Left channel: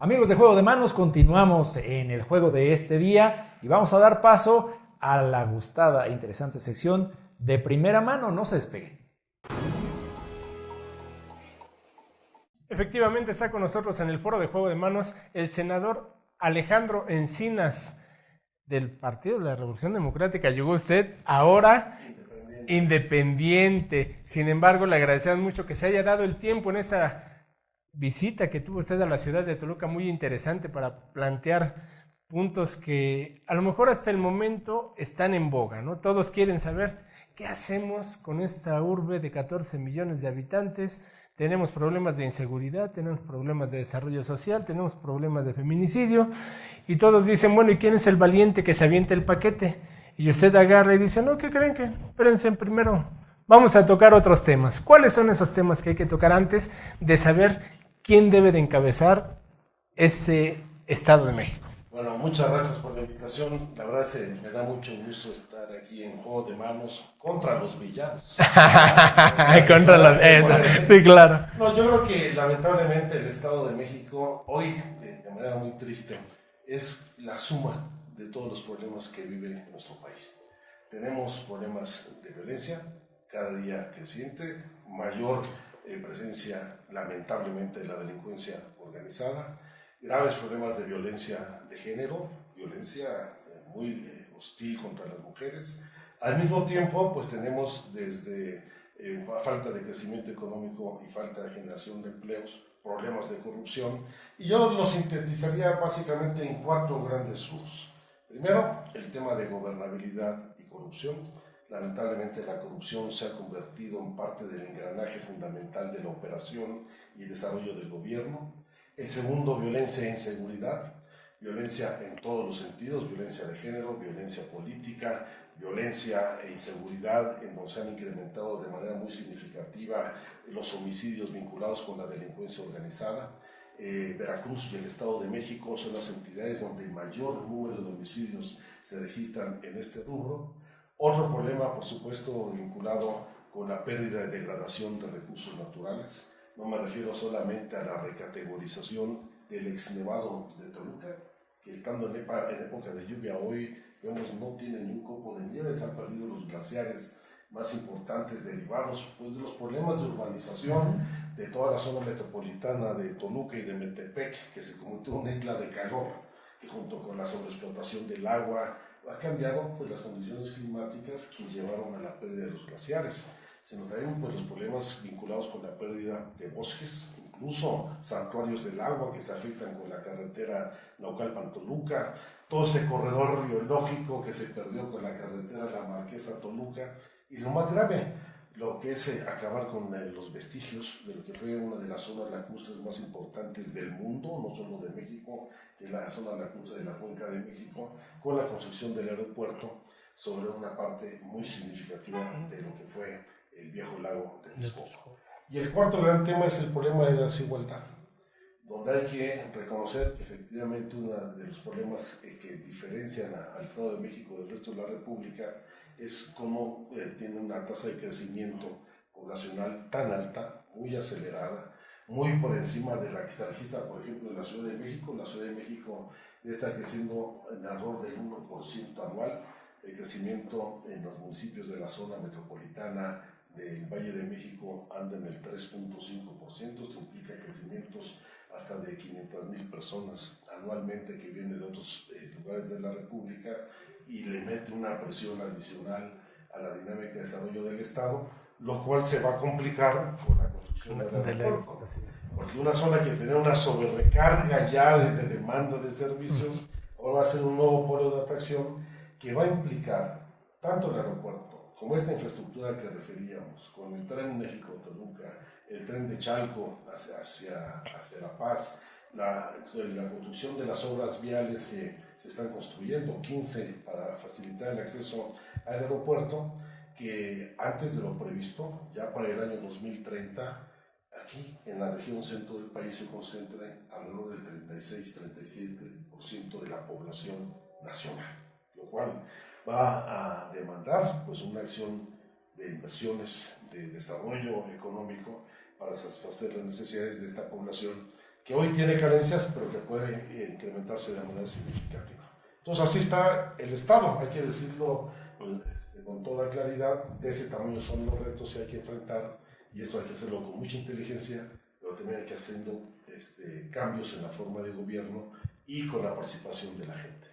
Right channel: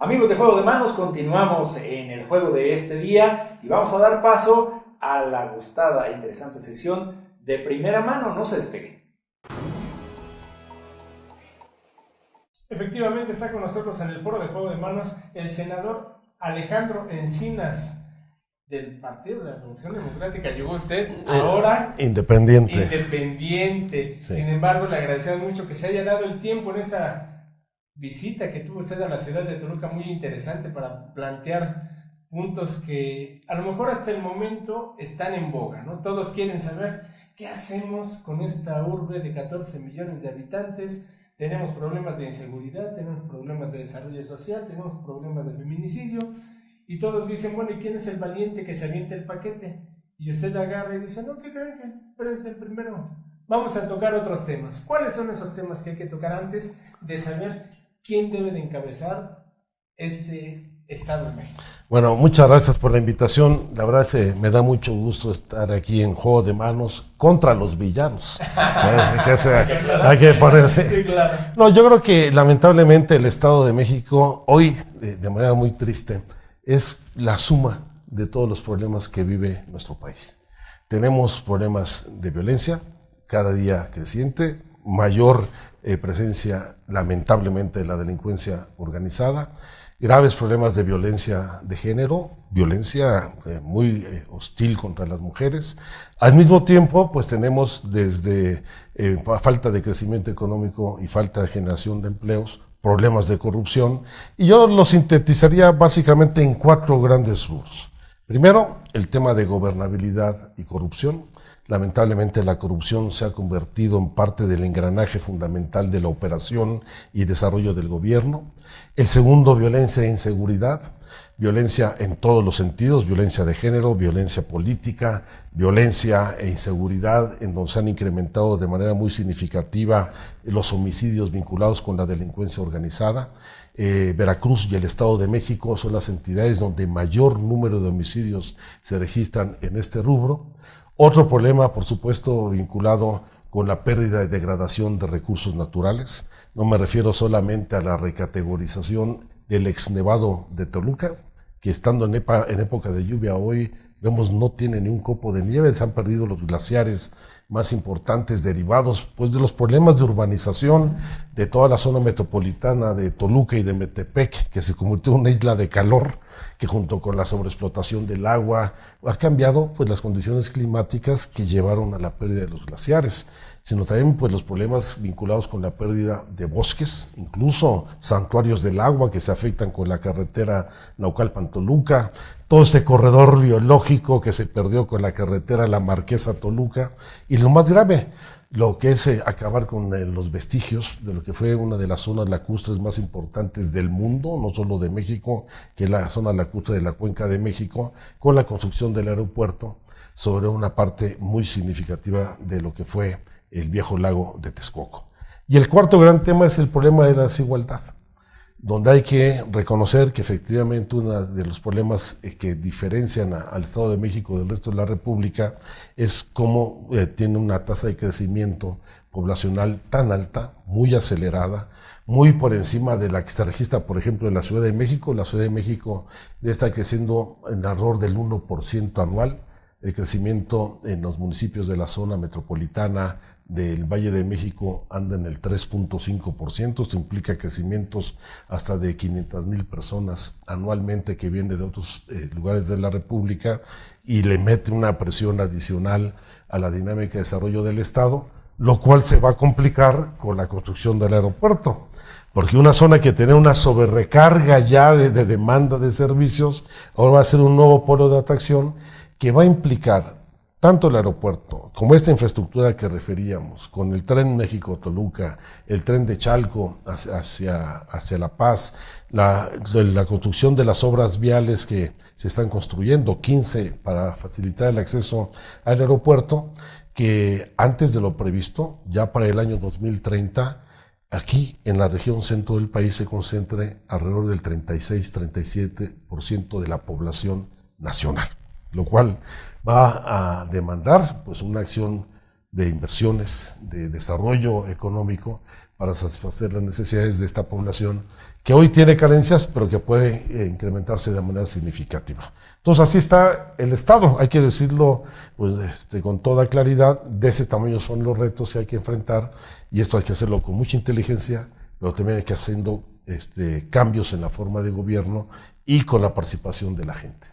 Amigos de Juego de Manos, continuamos en el juego de este día y vamos a dar paso a la gustada e interesante sección de primera mano. No se despeguen. Efectivamente está con nosotros en el foro de Juego de Manos el senador Alejandro Encinas del Partido de la Revolución Democrática. Llegó usted ahora independiente. Sí. Sin embargo, le agradecemos mucho que se haya dado el tiempo en esta visita que tuvo usted a la ciudad de Toluca, muy interesante para plantear puntos que a lo mejor hasta el momento están en boga, ¿no? Todos quieren saber qué hacemos con esta urbe de 14 millones de habitantes. Tenemos problemas de inseguridad, tenemos problemas de desarrollo social, tenemos problemas de feminicidio y todos dicen, bueno, ¿y quién es el valiente que se avienta el paquete? Y usted agarra y dice, no, ¿qué creen? Que espérense, primero vamos a tocar otros temas. ¿Cuáles son esos temas que hay que tocar antes de saber quién debe de encabezar ese Estado de México? Bueno, muchas gracias por la invitación. La verdad es que me da mucho gusto estar aquí en Juego de Manos contra los villanos. Contra la sí, claro. No, yo creo que lamentablemente el Estado de México hoy, de manera muy triste, es la suma de todos los problemas que vive nuestro país. Tenemos problemas de violencia, cada día creciente, mayor presencia lamentablemente de la delincuencia organizada, graves problemas de violencia de género, violencia muy hostil contra las mujeres. Al mismo tiempo, pues tenemos desde falta de crecimiento económico y falta de generación de empleos, problemas de corrupción, y yo lo sintetizaría básicamente en 4 grandes rubros. Primero, el tema de gobernabilidad y corrupción. Lamentablemente la corrupción se ha convertido en parte del engranaje fundamental de la operación y desarrollo del gobierno. El segundo, violencia e inseguridad, violencia en todos los sentidos, violencia de género, violencia política, violencia e inseguridad, en donde se han incrementado de manera muy significativa los homicidios vinculados con la delincuencia organizada. Veracruz y el Estado de México son las entidades donde mayor número de homicidios se registran en este rubro. Otro problema, por supuesto, vinculado con la pérdida y degradación de recursos naturales. No me refiero solamente a la recategorización del exnevado de Toluca, que estando en época de lluvia hoy, vemos no tiene ni un copo de nieve, se han perdido los glaciares más importantes derivados pues, de los problemas de urbanización de toda la zona metropolitana de Toluca y de Metepec, que se convirtió en una isla de calor, que junto con la sobreexplotación del agua ha cambiado pues, las condiciones climáticas que llevaron a la pérdida de los glaciares, sino también pues, los problemas vinculados con la pérdida de bosques, incluso santuarios del agua que se afectan con la carretera Naucalpan-Toluca, todo este corredor biológico que se perdió con la carretera La Marquesa-Toluca, y lo más grave, lo que es acabar con los vestigios de lo que fue una de las zonas lacustres más importantes del mundo, no solo de México, que es la zona lacustre de la Cuenca de México, con la construcción del aeropuerto sobre una parte muy significativa de lo que fue el viejo lago de Texcoco. Y el cuarto gran tema es el problema de la desigualdad, donde hay que reconocer que efectivamente uno de los problemas que diferencian al Estado de México del resto de la República es cómo tiene una tasa de crecimiento poblacional tan alta, muy acelerada, muy por encima de la que se registra, por ejemplo, en la Ciudad de México. La Ciudad de México está creciendo en alrededor del 1% anual. El crecimiento en los municipios de la zona metropolitana del Valle de México anda en el 3.5%, esto implica crecimientos hasta de 500,000 personas anualmente que vienen de otros lugares de la República y le mete una presión adicional a la dinámica de desarrollo del Estado, lo cual se va a complicar con la construcción del aeropuerto, porque una zona que tenía una sobrerecarga ya de demanda de servicios, ahora va a ser un nuevo polo de atracción que va a implicar tanto el aeropuerto como esta infraestructura que referíamos, con el tren México-Toluca, el tren de Chalco hacia La Paz, la construcción de las obras viales que se están construyendo, 15 para facilitar el acceso al aeropuerto, que antes de lo previsto, ya para el año 2030, aquí en la región centro del país se concentre alrededor del 36-37% de la población nacional, lo cual va a demandar pues, una acción de inversiones, de desarrollo económico para satisfacer las necesidades de esta población que hoy tiene carencias, pero que puede incrementarse de manera significativa. Entonces así está el Estado, hay que decirlo pues, con toda claridad, de ese tamaño son los retos que hay que enfrentar, y esto hay que hacerlo con mucha inteligencia, pero también hay que haciendo cambios en la forma de gobierno y con la participación de la gente.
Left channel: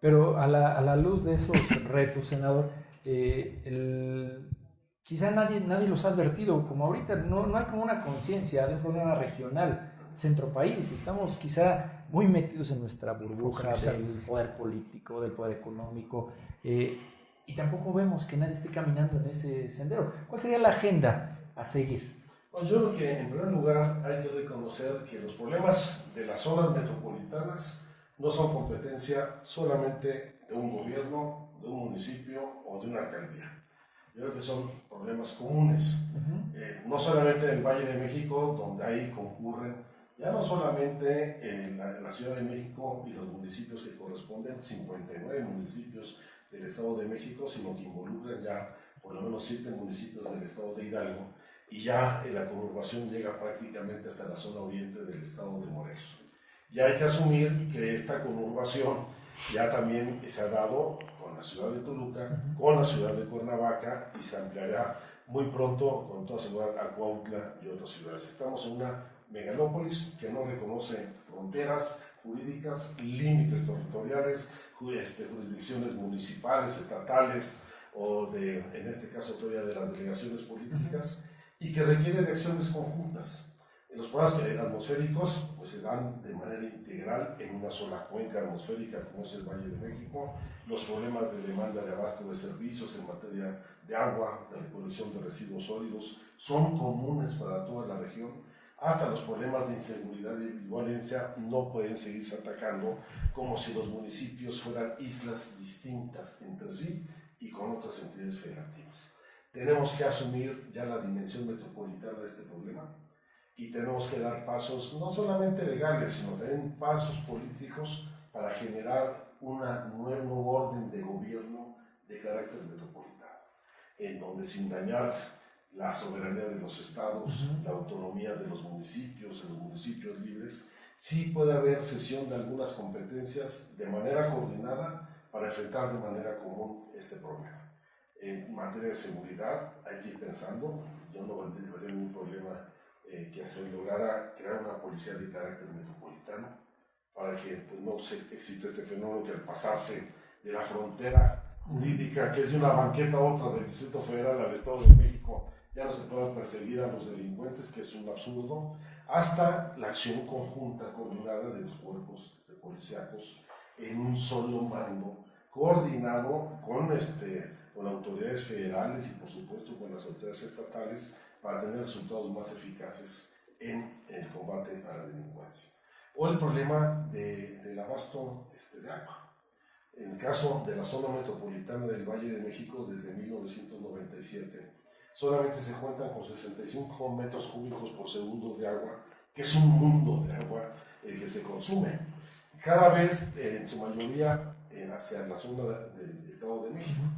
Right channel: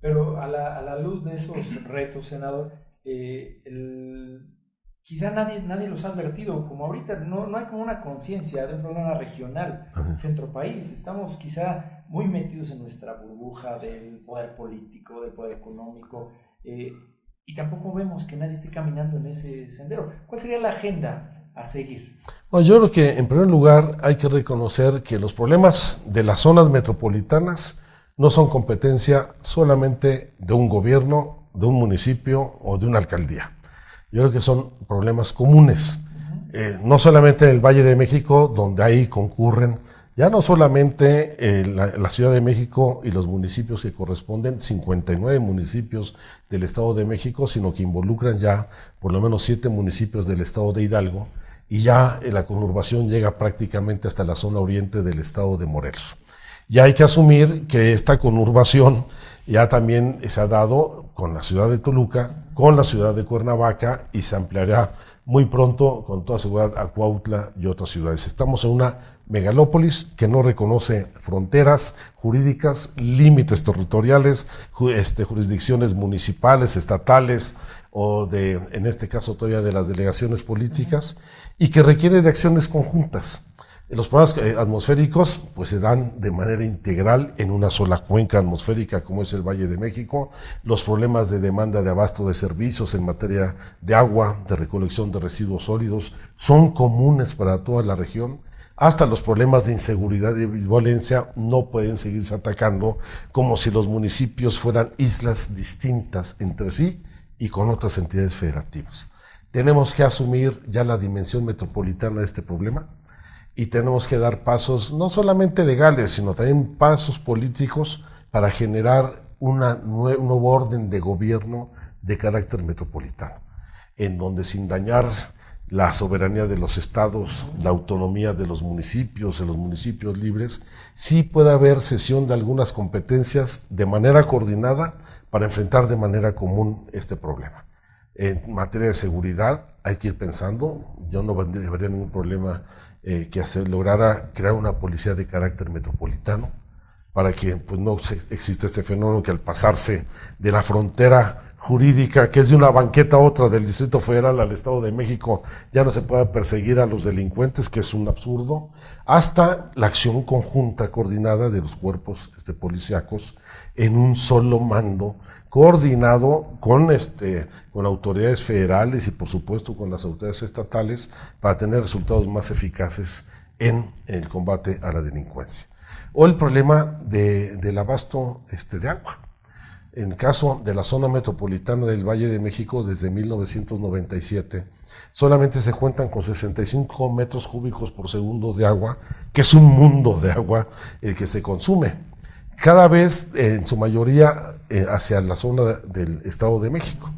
Pero a la luz de esos retos, senador, quizá nadie los ha advertido, como ahorita no hay como una conciencia de un problema regional, centro país, estamos quizá muy metidos en nuestra burbuja del poder político, del poder económico, y tampoco vemos que nadie esté caminando en ese sendero. ¿Cuál sería la agenda a seguir? Bueno, yo creo que en primer lugar hay que reconocer que los problemas de las zonas metropolitanas no son competencia solamente de un gobierno, de un municipio o de una alcaldía. Yo creo que son problemas comunes, no solamente en el Valle de México, donde ahí concurren, ya no solamente la Ciudad de México y los municipios que corresponden, 59 municipios del Estado de México, sino que involucran ya por lo menos 7 municipios del Estado de Hidalgo, y ya la conurbación llega prácticamente hasta la zona oriente del Estado de Morelos. Ya hay que asumir que esta conurbación ya también se ha dado con la ciudad de Toluca, con la ciudad de Cuernavaca, y se ampliará muy pronto con toda seguridad a Cuautla y otras ciudades. Estamos en una megalópolis que no reconoce fronteras jurídicas, límites territoriales, jurisdicciones municipales, estatales o en este caso todavía de las delegaciones políticas, y que requiere de acciones conjuntas. Los problemas atmosféricos pues se dan de manera integral en una sola cuenca atmosférica como es el Valle de México. Los problemas de demanda de abasto de servicios en materia de agua, de recolección de residuos sólidos, son comunes para toda la región. Hasta los problemas de inseguridad y violencia no pueden seguirse atacando como si los municipios fueran islas distintas entre sí y con otras entidades federativas. Tenemos que asumir ya la dimensión metropolitana de este problema, y tenemos que dar pasos no solamente legales, sino también pasos políticos para generar un nuevo orden de gobierno de carácter metropolitano, en donde sin dañar la soberanía de los estados, la autonomía de los municipios libres, sí puede haber cesión de algunas competencias de manera coordinada para enfrentar de manera común este problema. En materia de seguridad hay que ir pensando, yo no vería ningún problema que se lograra crear una policía de carácter metropolitano para que pues, no exista este fenómeno que al pasarse de la frontera jurídica, que es de una banqueta a otra, del Distrito Federal al Estado de México, ya no se pueda perseguir a los delincuentes, que es un absurdo, hasta la acción conjunta coordinada de los cuerpos policíacos en un solo mando, coordinado con autoridades federales y por supuesto con las autoridades estatales para tener resultados más eficaces en el combate a la delincuencia. O el problema del abasto de agua. En el caso de la zona metropolitana del Valle de México, desde 1997, solamente se cuentan con 65 metros cúbicos por segundo de agua, que es un mundo de agua el que se consume. Cada vez, en su mayoría, hacia la zona del Estado de México.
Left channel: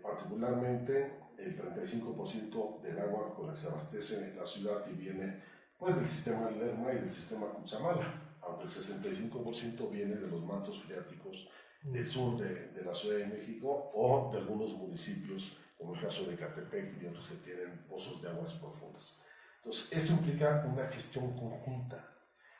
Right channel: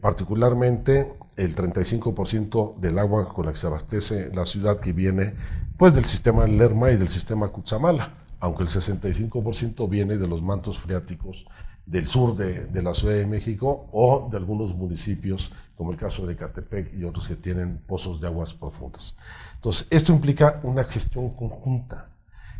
Particularmente, el 35% del agua con la que se abastece la ciudad que viene pues, del sistema Lerma y del sistema Cutzamala, aunque el 65% viene de los mantos freáticos del sur de la Ciudad de México o de algunos municipios, como el caso de Ecatepec y otros que tienen pozos de aguas profundas. Entonces, esto implica una gestión conjunta,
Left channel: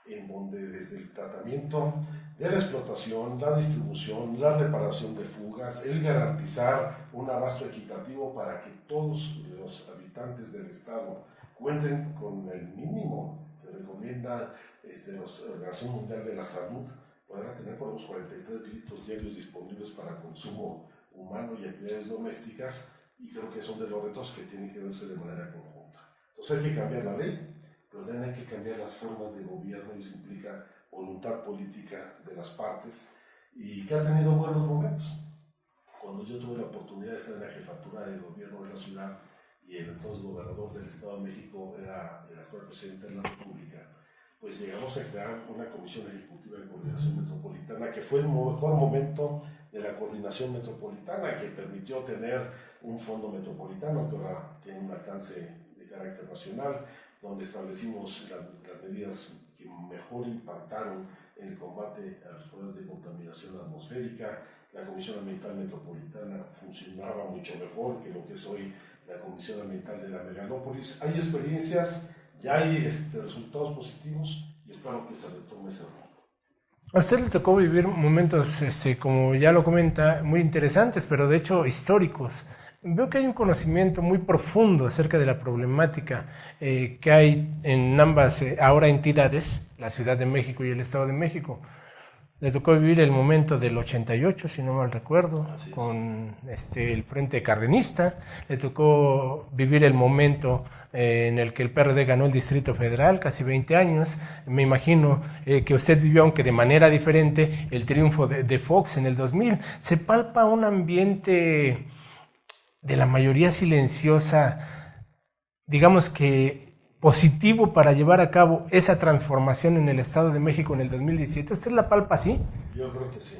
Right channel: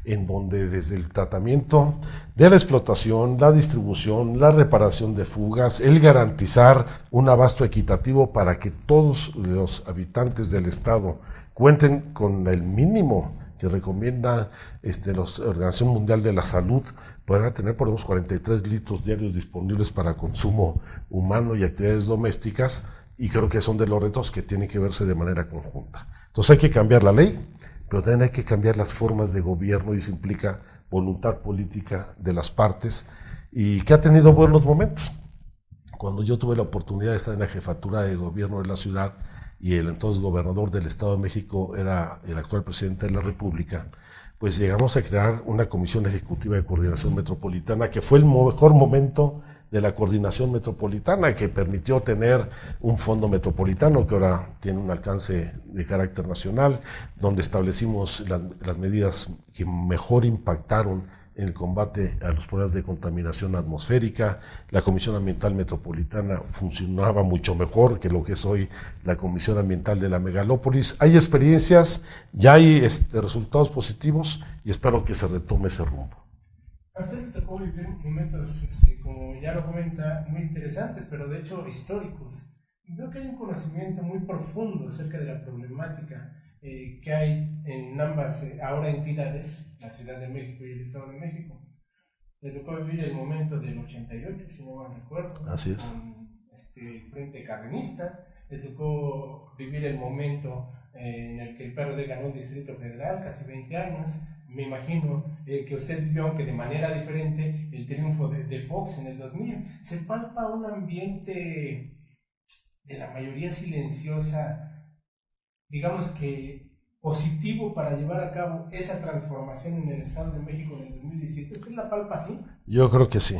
en donde desde el tratamiento de la explotación, la distribución, la reparación de fugas, el garantizar un abasto equitativo para que todos los habitantes del Estado cuenten con el mínimo que recomienda la Organización Mundial de la Salud, puedan tener por lo menos 43 litros diarios disponibles para consumo humano y actividades domésticas, y creo que son de los retos que tienen que verse de manera conjunta. Entonces hay que cambiar la ley, pero también hay que cambiar las formas de gobierno, y eso implica voluntad política de las partes, y que ha tenido buenos momentos. Cuando yo tuve la oportunidad de estar en la jefatura de gobierno de la ciudad, y el entonces gobernador del Estado de México era el actual presidente de la República, pues llegamos a crear una comisión ejecutiva de coordinación metropolitana, que fue el mejor momento de la coordinación metropolitana, que permitió tener un fondo metropolitano que ahora tiene un alcance de carácter nacional, donde establecimos las medidas que mejor impactaron en el combate a los problemas de contaminación atmosférica. La Comisión Ambiental Metropolitana funcionaba mucho mejor que lo que es hoy la Comisión Ambiental de la Megalópolis. Hay experiencias, ya hay resultados positivos y espero que se retome ese rumbo. A usted le tocó vivir momentos, como ya lo comenta, muy interesantes, pero de hecho históricos. Veo que hay un conocimiento muy profundo acerca de la problemática que hay en ambas ahora entidades, la Ciudad de México y el Estado de México. Le tocó vivir el momento del 88, si no mal recuerdo, con el Frente Cardenista. Le tocó vivir el momento en el que el PRD ganó el Distrito Federal, casi 20 años. Me imagino que usted vivió, aunque de manera diferente, el triunfo de Fox en el 2000. Se palpa un ambiente de la mayoría silenciosa, digamos que positivo para llevar a cabo esa transformación en el Estado de México en el 2017. ¿Usted la palpa así? Yo creo que sí.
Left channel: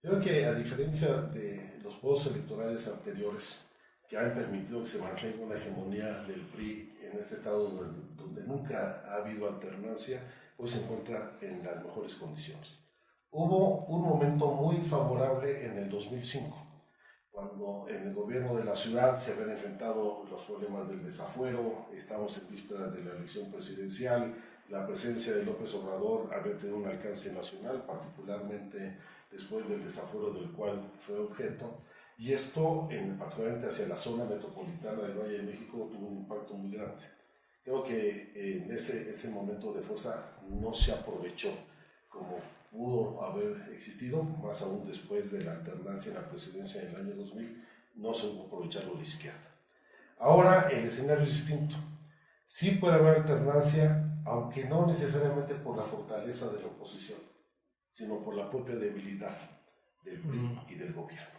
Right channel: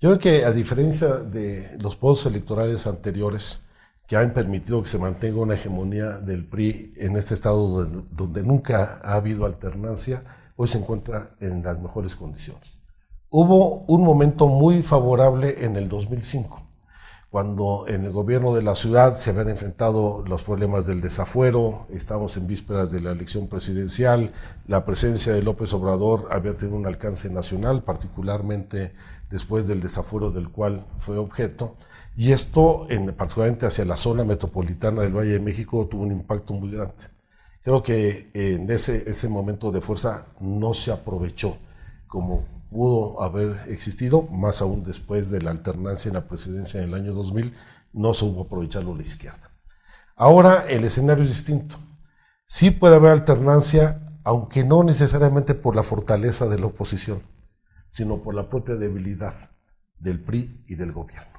Yo creo que a diferencia de los procesos electorales anteriores que han permitido que se mantenga una hegemonía del PRI en este estado donde nunca ha habido alternancia, hoy se encuentra en las mejores condiciones. Hubo un momento muy favorable en el 2005, cuando en el gobierno de la ciudad se habían enfrentado los problemas del desafuero, estábamos en vísperas de la elección presidencial, la presencia de López Obrador había tenido un alcance nacional, particularmente después del desafuero del cual fue objeto, y esto, particularmente hacia la zona metropolitana del Valle de México, tuvo un impacto muy grande. Creo que en ese momento de fuerza no se aprovechó como pudo haber existido, más aún después de la alternancia en la presidencia en el año 2000, no supo aprovecharlo la izquierda. Ahora el escenario es distinto. Sí puede haber alternancia, aunque no necesariamente por la fortaleza de la oposición, sino por la propia debilidad del PRI y del gobierno.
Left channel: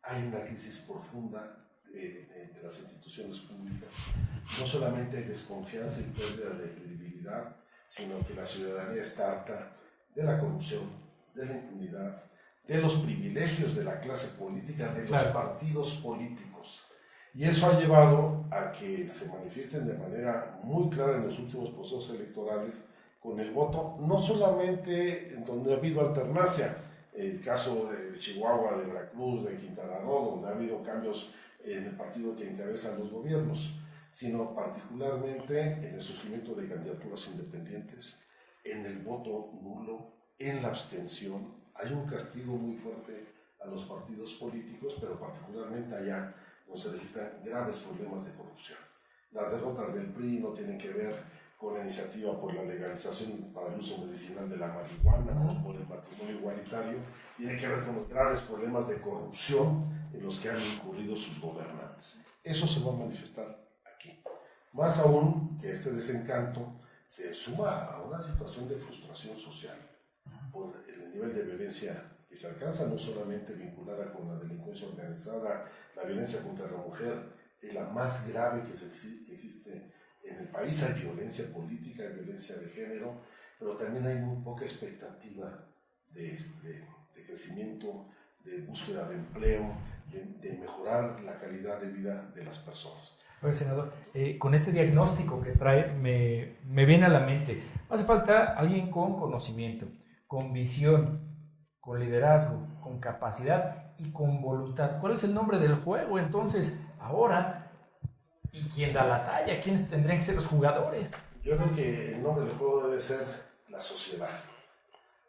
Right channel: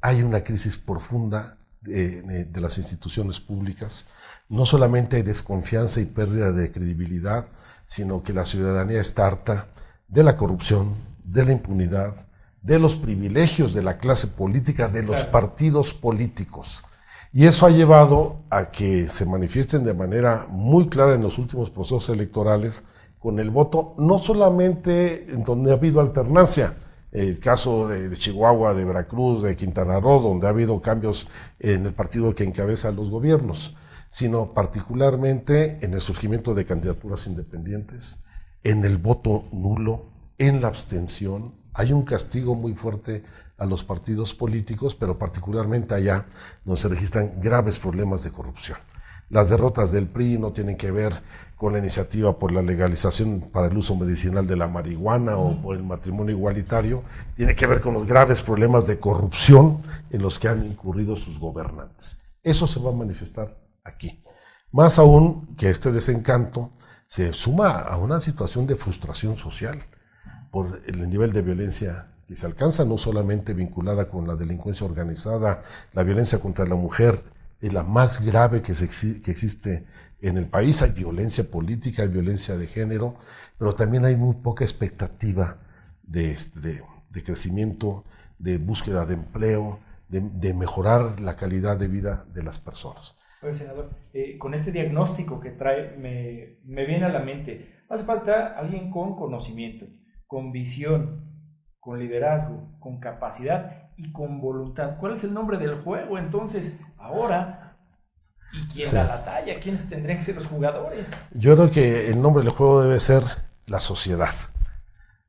Hay una crisis profunda de las instituciones públicas. No solamente hay desconfianza y pérdida de credibilidad, sino que la ciudadanía está harta de la corrupción, de la impunidad, de los privilegios de la clase política, de los partidos políticos. Y eso ha llevado a que se manifiesten de manera muy clara en los últimos procesos electorales con el voto, no solamente en donde ha habido alternancia, el caso de Chihuahua, de Veracruz, de Quintana Roo, donde ha habido cambios en el partido que encabeza los gobiernos, sino particularmente en el surgimiento de candidaturas independientes, en el voto nulo, en la abstención. Hay un castigo muy fuerte a los partidos políticos, pero particularmente allá donde se registran graves problemas de corrupción. Las derrotas del PRI no tienen que ver con la iniciativa por la legalización para el uso medicinal de la marihuana o por el matrimonio igualitario, tiene que ver con los graves problemas de corrupción en los que han incurrido sus gobernantes. Eso se va a manifestar aquí. Más aún que este desencanto se suma a una situación de frustración social por el nivel de violencia que se alcanza, no solamente vinculada con la delincuencia organizada. La violencia contra la mujer es la más grave que existe en el país. Hay violencia política, hay violencia de género, pero también hay muy poca expectativa de crecimiento, de búsqueda de empleo, de mejorar la calidad de vida de las personas. Oye, senador, con este diagnóstico que trae, me viene a la mente, hace falta alguien con conocimiento, con visión, con liderazgo, con capacidad y con voluntad. ¿Cuál es el nombre del juego entonces ahora? ¿Y quién da la talla? ¿Quiénes tendrían que ser los jugadores? Yo creo que el nombre del juego debe ser la sociedad.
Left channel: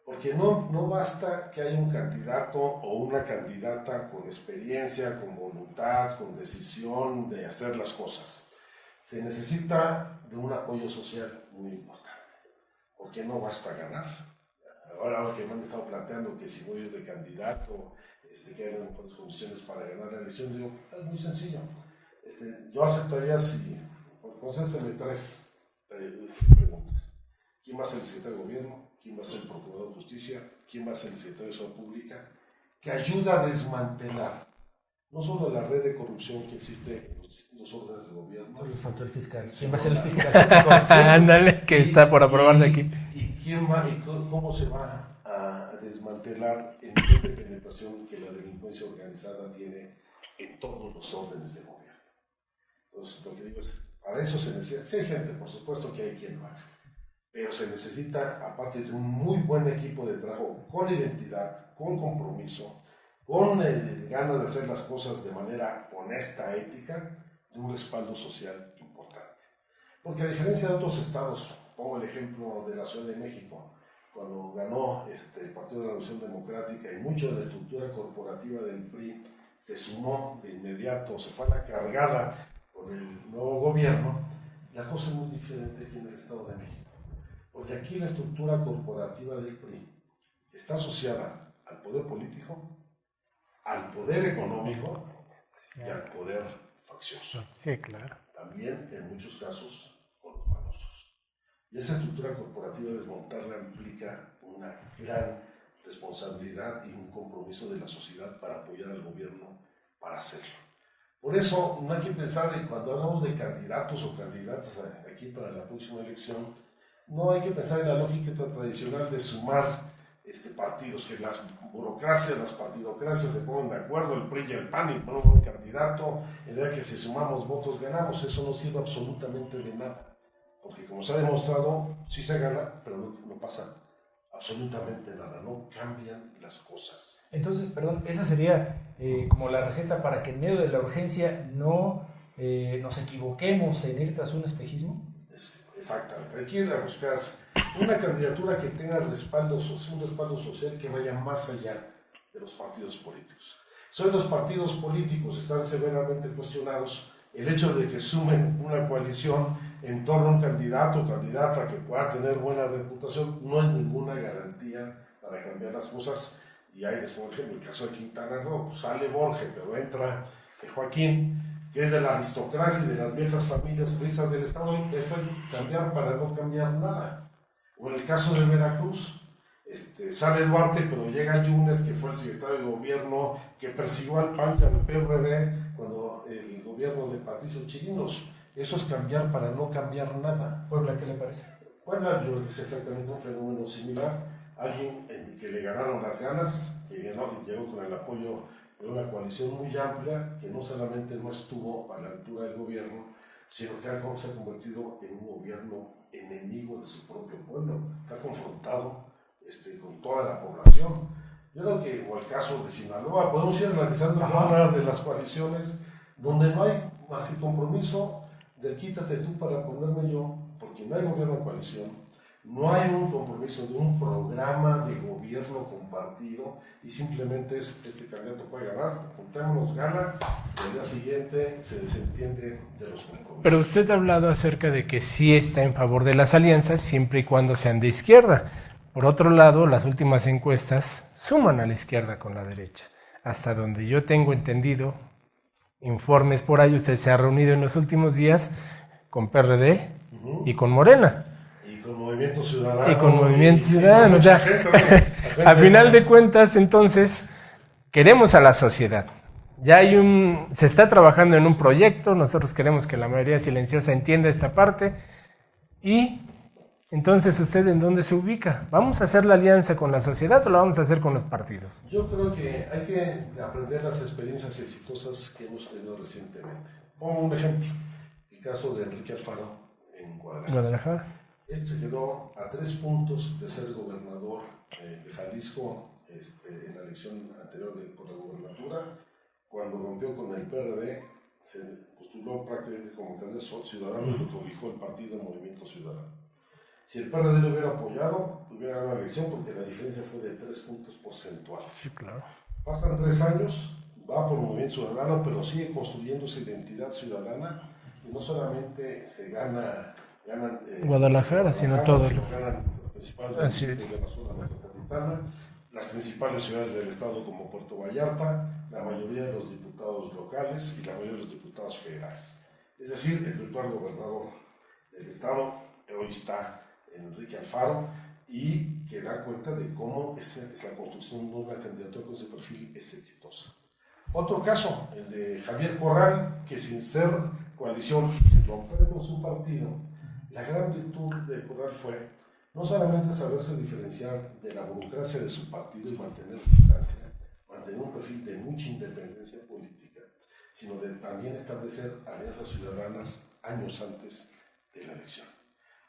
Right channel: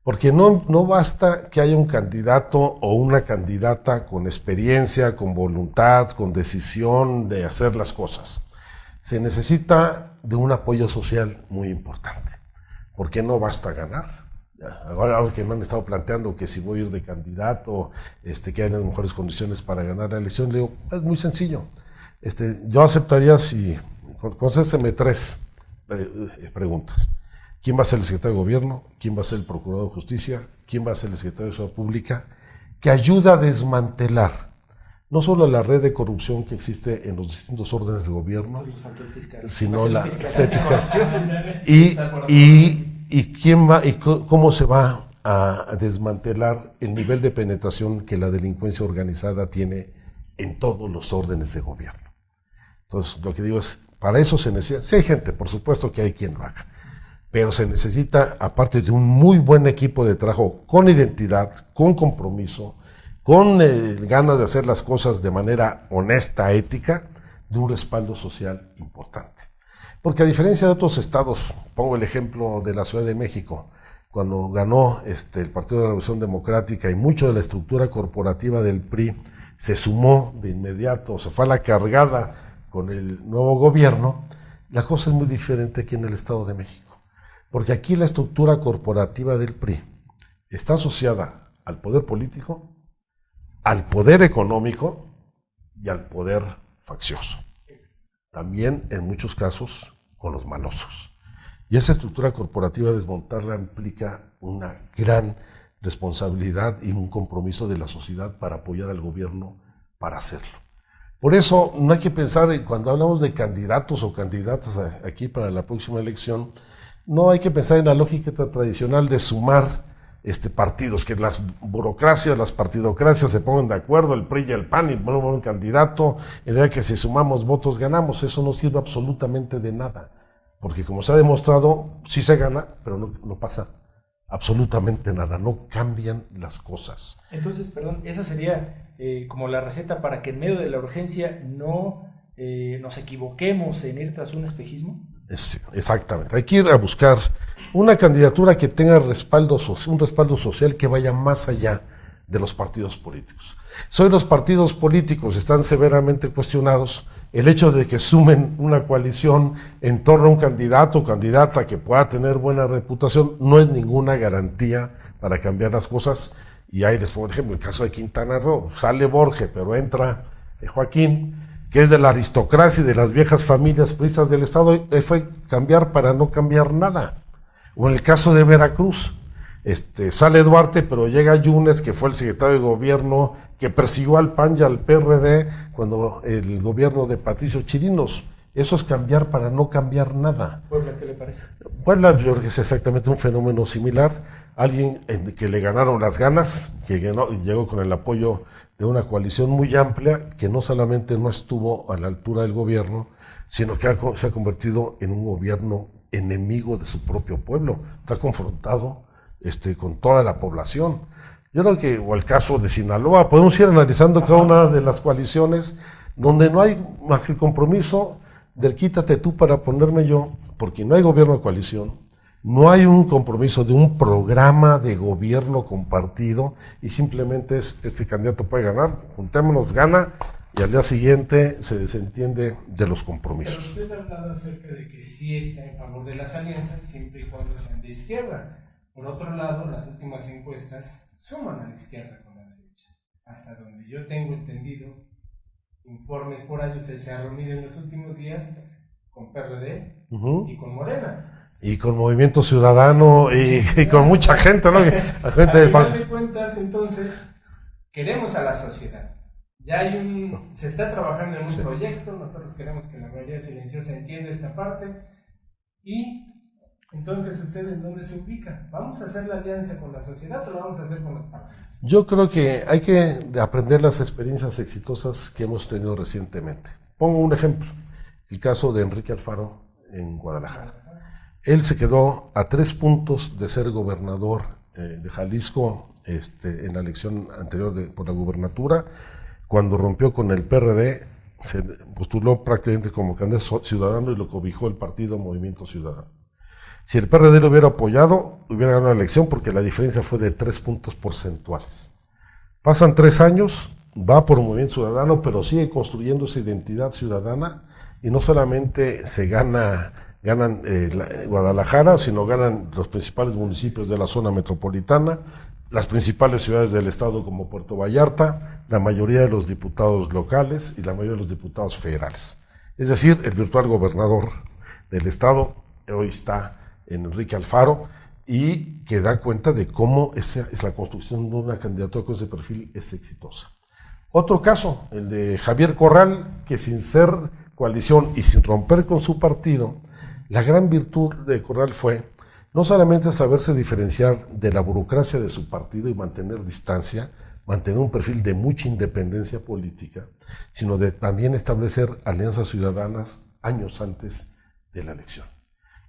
Porque no basta que haya un candidato o una candidata con experiencia, con voluntad, con decisión de hacer las cosas. Se necesita de un apoyo social muy importante, porque no basta ganar. Ahora que me han estado planteando que si voy a ir de candidato, que hay las mejores condiciones para ganar la elección, le digo, es muy sencillo. Yo aceptaría si contésteme 3 preguntas. ¿Quién va a ser el secretario de Gobierno? ¿Quién va a ser el Procurador de Justicia? ¿Quién va a ser el secretario de Seguridad Pública? Que ayuda a desmantelar no solo la red de corrupción que existe en los distintos órdenes de gobierno, sino la... Ándale, que está por aprobar de aquí. ¿Y quién va y cómo se va a desmantelar el nivel de penetración que la delincuencia organizada tiene en todos los órdenes de gobierno. Entonces, lo que digo es, para eso se necesita, sí hay gente, por supuesto que hay quien lo haga, pero se necesita, aparte de un muy buen equipo de trabajo con identidad, con compromiso, con ganas de hacer las cosas de manera honesta, ética, de un respaldo social importante. Porque a diferencia de otros estados, pongo el ejemplo de la Ciudad de México, cuando ganó el Partido de la Revolución Democrática y mucho de la estructura corporativa del PRI se sumó de inmediato, se fue a la cargada con el nuevo gobierno, la cosa es muy diferente aquí en el Estado de México. Porque aquí la estructura corporativa del PRI está asociada al poder político, al poder económico y al poder faccioso. Sí, claro. También en muchos casos con los malosos. Y esa estructura corporativa, desmontarla implica una gran responsabilidad y un compromiso de la sociedad para apoyar al gobierno para hacerlo. Por eso no hay que pensar, cuando hablamos de candidatos o candidatas aquí para la próxima elección, no hay que pensar en la lógica tradicional de sumar partidos, que las burocracias, las partidocracias se pongan de acuerdo, el PRI y el PAN, y ponen un candidato, y de que si sumamos votos ganamos. Eso no sirve absolutamente de nada, porque como se ha demostrado, sí se gana, pero no pasa absolutamente nada, no cambian las cosas. Entonces, perdón, esa sería como la receta para que en medio de la urgencia no nos equivoquemos en ir tras un espejismo. Exactamente, hay que ir a buscar una candidatura que tenga un respaldo social que vaya más allá de los partidos políticos. Si hoy los partidos políticos están severamente cuestionados, el hecho de que sumen una coalición en torno a un candidato o candidata que pueda tener buena reputación no es ninguna garantía para cambiar las cosas. Y ahí les pongo el ejemplo, el caso de Quintana Roo, sale Borges, pero entra Joaquín, que es de la aristocracia y de las viejas familias priistas del Estado, y fue cambiar para no cambiar nada. O en el caso de Veracruz, sale Duarte, pero llega Yunes, que fue el secretario de gobierno que persiguió al PAN y al PRD cuando el gobierno de Patricio Chirinos. Eso es cambiar para no cambiar nada. ¿Puebla qué le parece? Puebla, yo creo que es exactamente un fenómeno similar. Alguien que le ganaron las ganas, que llegó con el apoyo de una coalición muy amplia, que no solamente no estuvo a la altura del gobierno, sino que se ha convertido en un gobierno enemigo de su propio pueblo. Está confrontado con toda la población. Yo creo que, o el caso de Sinaloa, podemos ir analizando cada una de las coaliciones donde no hay más que el compromiso del quítate tú para ponerme yo, porque no hay gobierno de coalición. No hay un compromiso de un programa de gobierno compartido y simplemente este candidato puede ganar, juntémonos, gana y al día siguiente se desentiende de los compromisos. Pero usted ha hablado acerca de que sí está en favor de las alianzas siempre y cuando sean de izquierda. Por otro lado, las últimas encuestas suman a la izquierda con la derecha. Hasta donde yo tengo entendido, informes por ahí, usted se ha reunido en los últimos días con PRD y con Morena. Y con Movimiento Ciudadano y con mucha gente, ¿no? Al final de cuentas, entonces, queremos a la sociedad. Ya se está trabajando en un proyecto, nosotros queremos que la mayoría silenciosa entienda esta parte. Y entonces, ¿usted en dónde se ubica? ¿Vamos a hacer la alianza con la sociedad o la vamos a hacer con los partidos? Yo creo que hay que aprender las experiencias exitosas que hemos tenido recientemente. Pongo un ejemplo, el caso de Enrique Alfaro en Guadalajara. Él se quedó a 3 puntos de ser gobernador de Jalisco en la elección anterior por la gubernatura. Cuando rompió con el PRD, se postuló prácticamente como candidato ciudadano y lo cobijó el partido Movimiento Ciudadano. Si el PRD lo hubiera apoyado, hubiera ganado la elección porque la diferencia fue de 3 puntos porcentuales. Sí, claro. Pasan 3 años, va por Movimiento Ciudadano, pero sigue construyendo esa identidad ciudadana y no solamente ganan Guadalajara, sino ganan los principales municipios de la zona metropolitana, las principales ciudades del estado como Puerto Vallarta, la mayoría de los diputados locales y la mayoría de los diputados federales. Es decir, el virtual gobernador del estado hoy está en Enrique Alfaro y que da cuenta de cómo esa es la construcción de una candidatura con ese perfil es exitosa. Otro caso, el de Javier Corral, que sin ser coalición y sin romper con su partido, la gran virtud de Corral fue no solamente saberse diferenciar de la burocracia de su partido y mantener distancia, mantener un perfil de mucha independencia política, sino de también establecer alianzas ciudadanas años antes de la elección.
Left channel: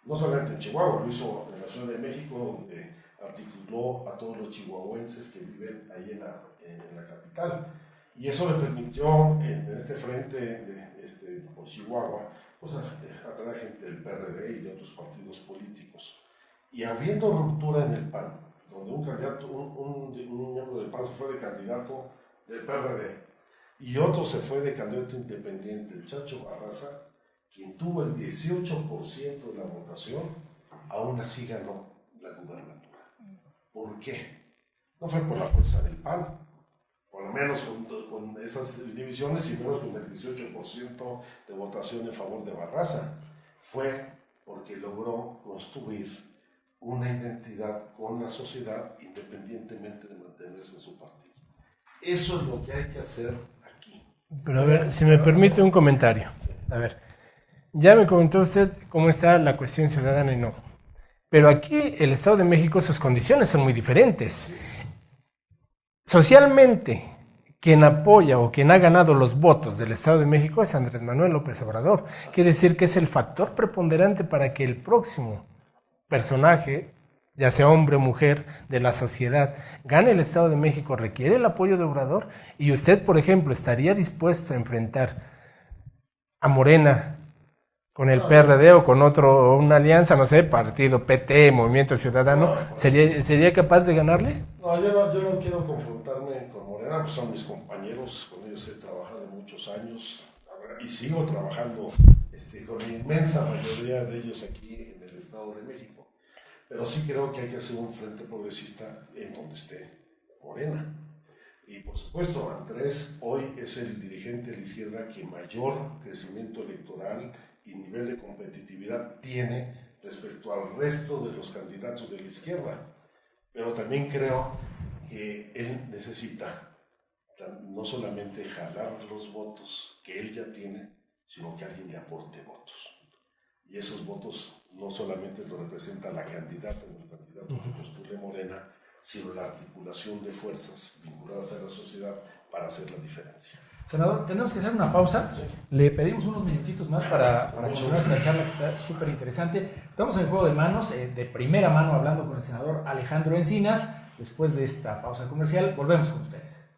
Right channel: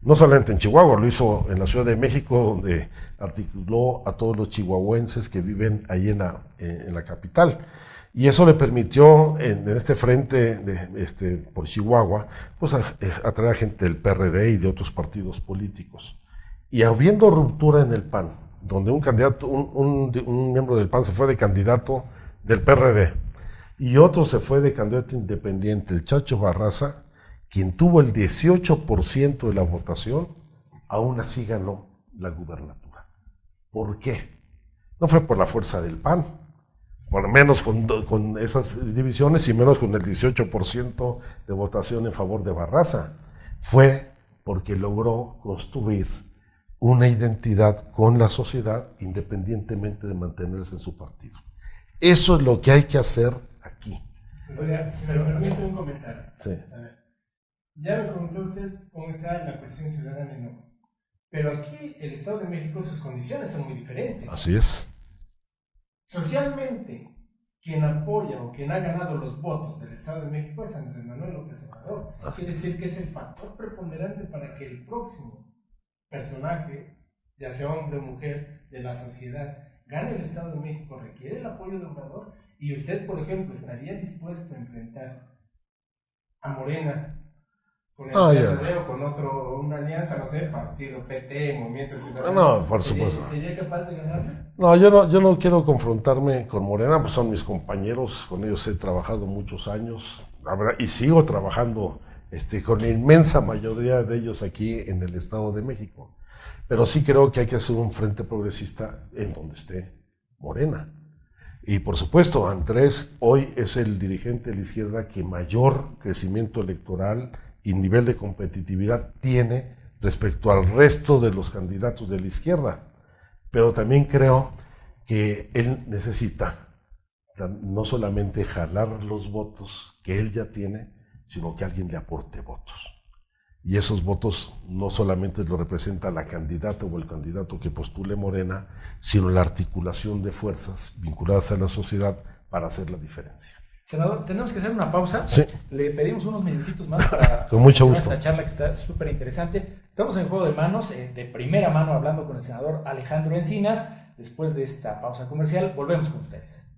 No solamente en Chihuahua, lo hizo en la Ciudad de México, donde articuló a todos los chihuahuenses que viven ahí en la capital. Y eso le permitió, en este frente por Chihuahua, pues atraer a gente del PRD y de otros partidos políticos. Y habiendo ruptura en el PAN, donde un candidato, un miembro del PAN se fue de candidato del PRD y otro se fue de candidato independiente, el Chacho Barraza, quien tuvo el 18% de la votación, aún así ganó la gubernatura. ¿Por qué? No fue por la fuerza del PAN, por menos con esas divisiones y menos con el 18% de votación en favor de Barraza. Fue porque logró construir una identidad con la sociedad independientemente de mantenerse en su partido. Eso es lo que hay que hacer aquí. Pero a ver, si me permite un comentario. Sí. A ver. Ya me comentó usted cómo está la cuestión ciudadana y no. Pero aquí el Estado de México, sus condiciones son muy diferentes. Así es. Socialmente, quien apoya o quien ha ganado los votos del Estado de México es Andrés Manuel López Obrador. Quiere decir que es el factor preponderante para que el próximo personaje, ya sea hombre o mujer, de la sociedad, gane el Estado de México, requiere el apoyo de Obrador. Y usted, por ejemplo, estaría dispuesto a enfrentar a Morena con el PRD o con una alianza, no sé, partido, PT, Movimiento Ciudadano, ¿sería capaz de ganarle? No, yo no quiero confrontarme con Morena, pues son mis compañeros, con ellos he trabajado muchos años, y sigo trabajando con la inmensa mayoría de ellos aquí en el Estado de México. Pero sí creo que hay que hacer un frente progresista en donde esté Morena. Y por supuesto, Andrés hoy es el dirigente de la izquierda que mayor crecimiento electoral y nivel de competitividad tiene respecto al resto de los candidatos de la izquierda. Pero también creo que él necesita no solamente jalar los votos que él ya tiene, sino que alguien le aporte votos. Y esos votos no solamente lo representa la candidata o el candidato que postule Morena, sino la articulación de fuerzas vinculadas a la sociedad para hacer la diferencia. Senador, tenemos que hacer una pausa. Sí. Le pedimos unos minutitos más para con mucho gusto. Nuestra charla, que está súper interesante. Estamos en Juego de Manos, de primera mano, hablando con el senador Alejandro Encinas. Después de esta pausa comercial, volvemos con ustedes.